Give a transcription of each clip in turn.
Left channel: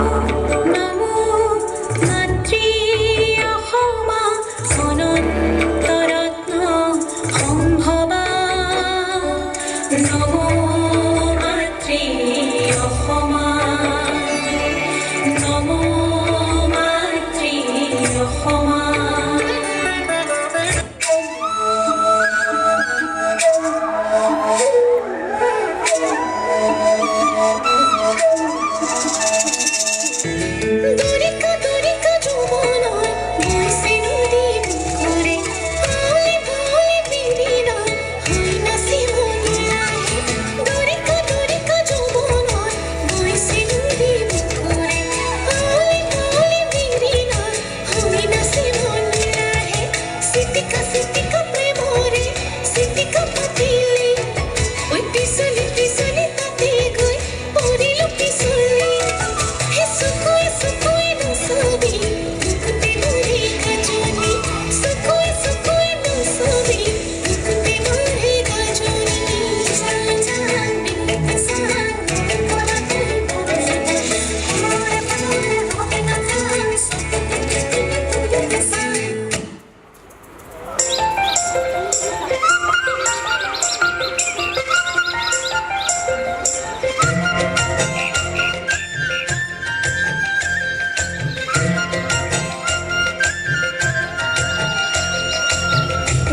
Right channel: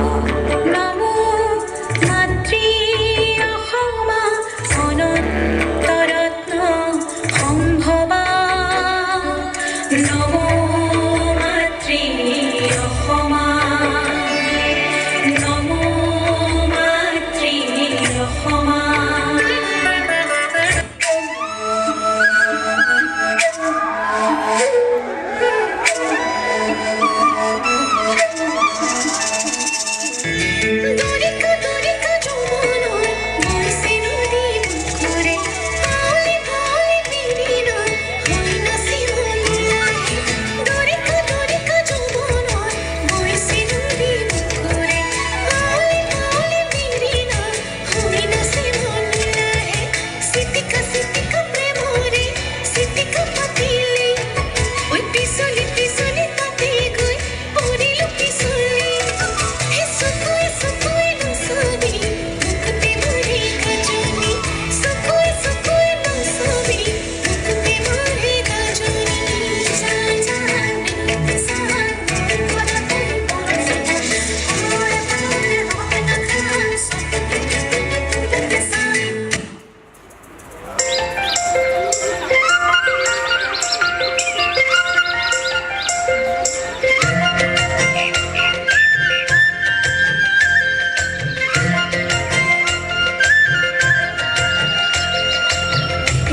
নমো মাতৃ অসমা অনন্তৰত্ন সম্ভৱা নমো মাতৃ অসমা নমো মাতৃ অসমা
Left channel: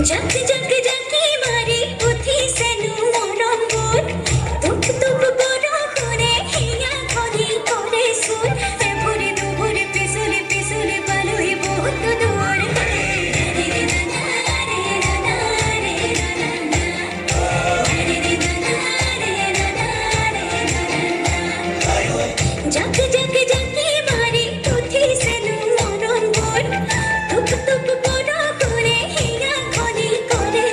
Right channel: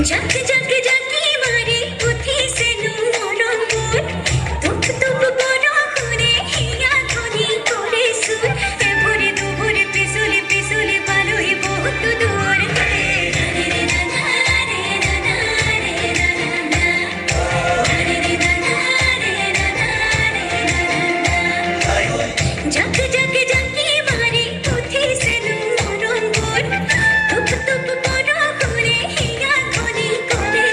जग जग जगी मारी उठी सेनु मरंगुर दुख दुख बड़ करे हिया धरी करे सुर एभरे दुभरे पिसुली पिसुली पालुई बहुत दूर जग जग जगी मारी उठी सेनु मरंगुर दुख दुख बड़ करे हिया धरी करे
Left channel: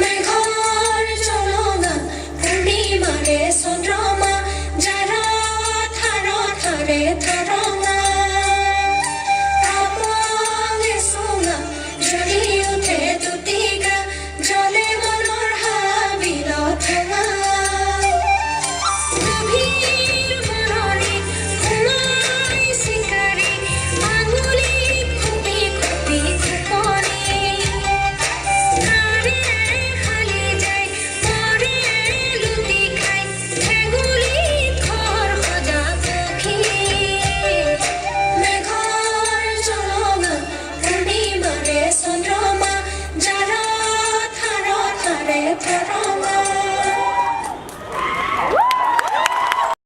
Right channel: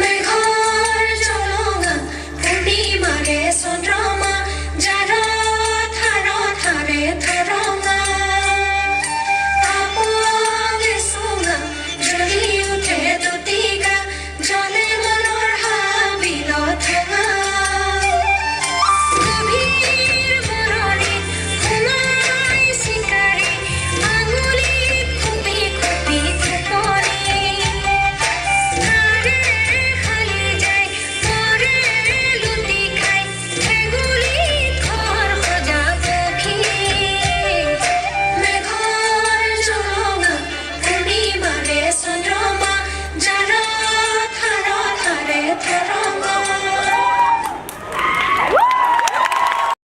মেঘৰ জলঙা পূৰ্ণিমাৰে চন্দ্ৰমা যাৰ থাৰ থাৰে থাৰঙা আপঙে চুঙা জ্বলি উঠে দুটিগা জলে মনৰ হাবিল ঠেঙা গভীৰ মৰণি সোমাই চিকাৰী আঙুলিত খুপি খুপি থেপৰি নাৰে খালি যায় মৰে লুটি খাই ভেগুলিত ঘৰ সজা পক্ষী মেঘৰ জলঙা পূৰ্ণিমাৰে চন্দ্ৰমা যাৰ থাৰ থাৰে থাৰ